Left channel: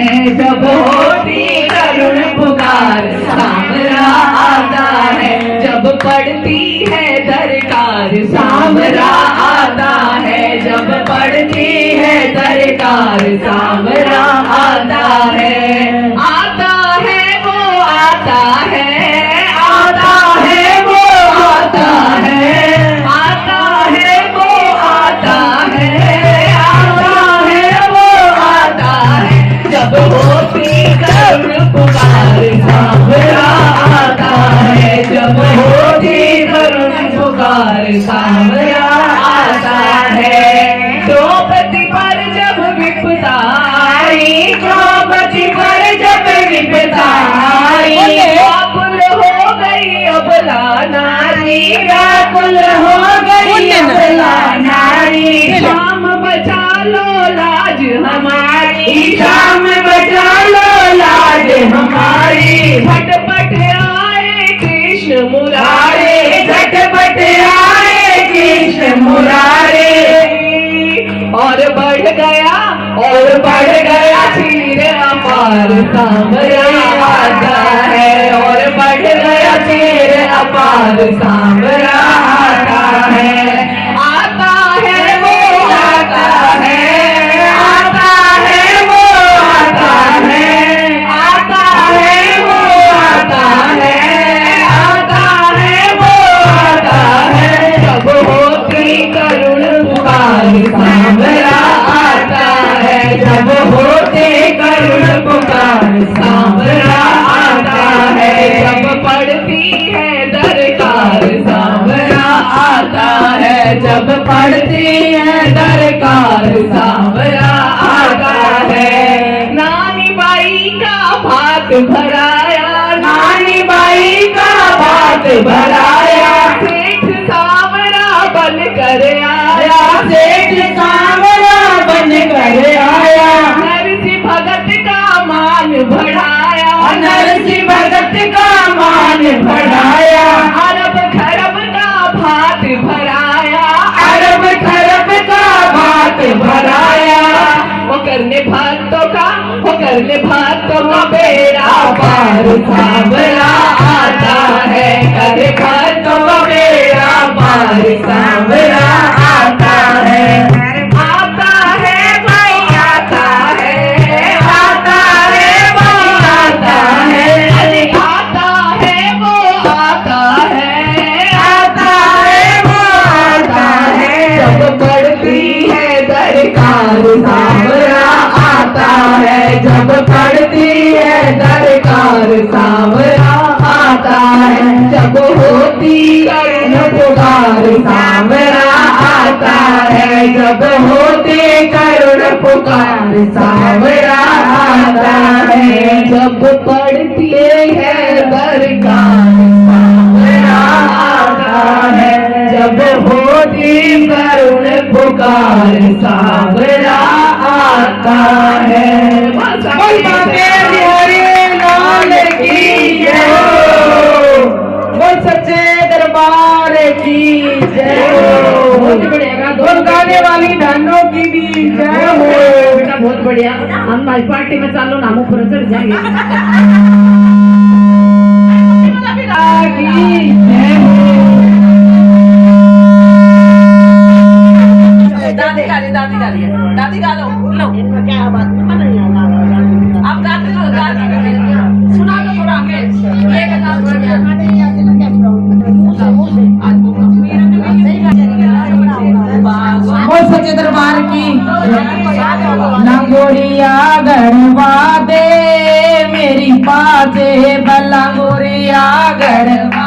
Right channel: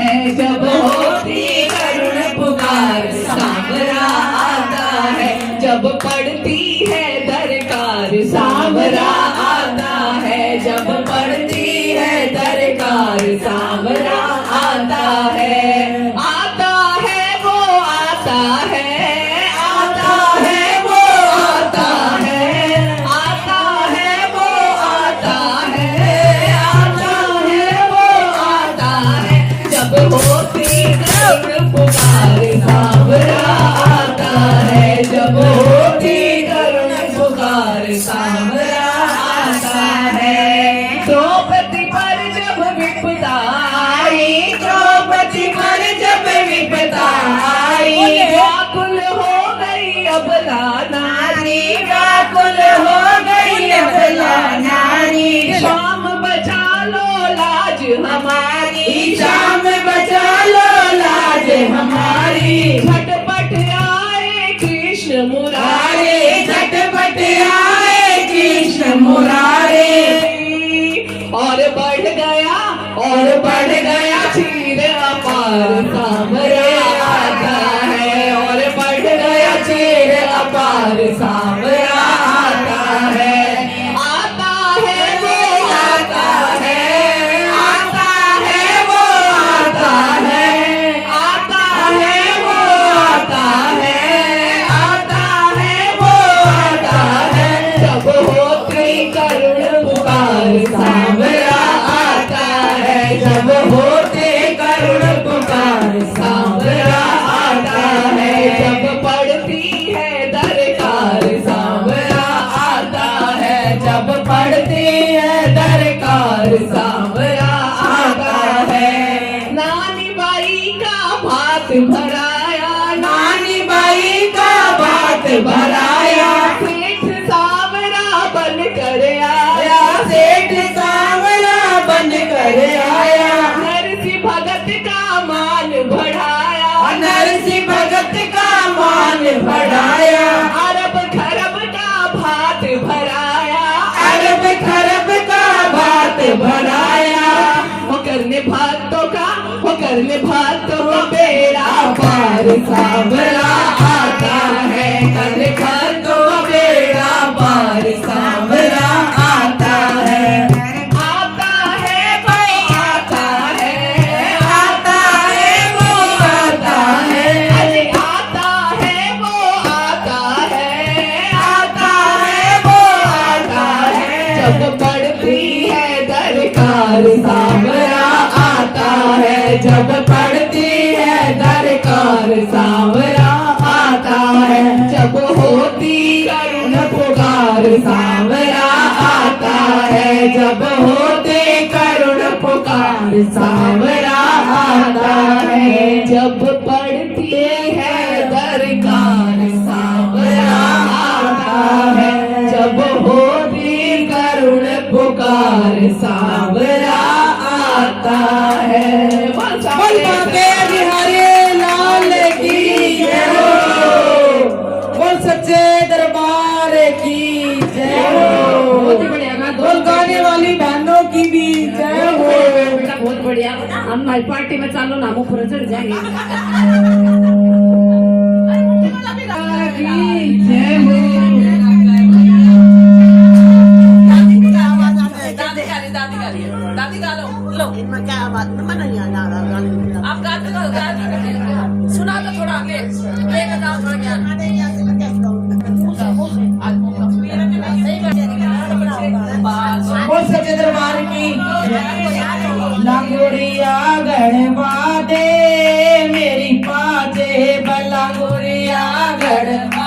है, जब होती करुण पुकार सांवरा आता है, जब पड़ती है दरकार सांवरा आता है, जब पड़ती है दरकार सांवरा आता है। आता है वो आता है, आता है वो आता है, आता है वो आता है, आता है वो आता है, जब होती करुण पुकार सांवरा आता है, जब होती करुण पुकार सांवरा आता है। द्रौपदी पर जब विपदा आई, द्रौपदी पर जब विपदा आई, व्याकुल हो गई अबला नारी, व्याकुल हो गई अबला नारी। शाम बचा लो लाज हमारी, शाम बचा लो लाज हमारी। झटपट आए कृष्ण मुरारी, झटपट आए कृष्ण मुरारी। और बढ़ गया चीर अपार सांवरा आता है, और बढ़ गया चीर अपार सांवरा आता है। आता है वो आता है, आता है वो आता है, आता है वो आता है, आता है वो आता है, जब होती करुण पुकार सांवरा आता है, जब होती करुण पुकार सांवरा आता है, जब पड़ती है दरकार सांवरा आता है, जब पड़ती है दरकार सांवरा आता है। नानी बाई का भात भराया, नानी बाई का भात भराया, सेठ सांवरा बन कर आया, सेठ सांवरा बन कर आया। नरसिंह भगत का मान बढ़ाया, नरसिंह भगत का मान बढ़ाया। अरब खरब का भात भराया, अरब खरब का भात भराया। वो करने भक्तों का बेड़ा पार सांवरा आता है, करे भक्तों का बेड़ा पार सांवरा आता है। आता है भाई आता है, आता है वो आता है, अरे आता है वो आता है, आता है वो आता है, जब पड़ती है दरकार सांवरा आता है, जब पड़ती है दरकार सांवरा आता है, जब होती करुण पुकार सांवरा आता है, जब होती करुण पुकार सांवरा आता है, जब पड़ती है दरकार सांवरा आता है, जब होती करुण पुकार सांवरा आता है। बोल सच्चे दरबार की जय हो। बहुत बढ़िया, बोल गाने वाली बहनों की भी जय हो। बेटा बहुत बढ़िया, हम नाच पार्टी में चालो नामों पर चढ़ जाएंगे। दादी गा लो, इनमें क्या बात नहीं आना, आप गाते लो, सुना दो थोड़ा हमें, लेके जाओ थोड़ा ज्ञान। बोल सच्चे दरबार की लंगोड़िया गढ़वा दे मेरी पाचे बलंगोड़िया गढ़वा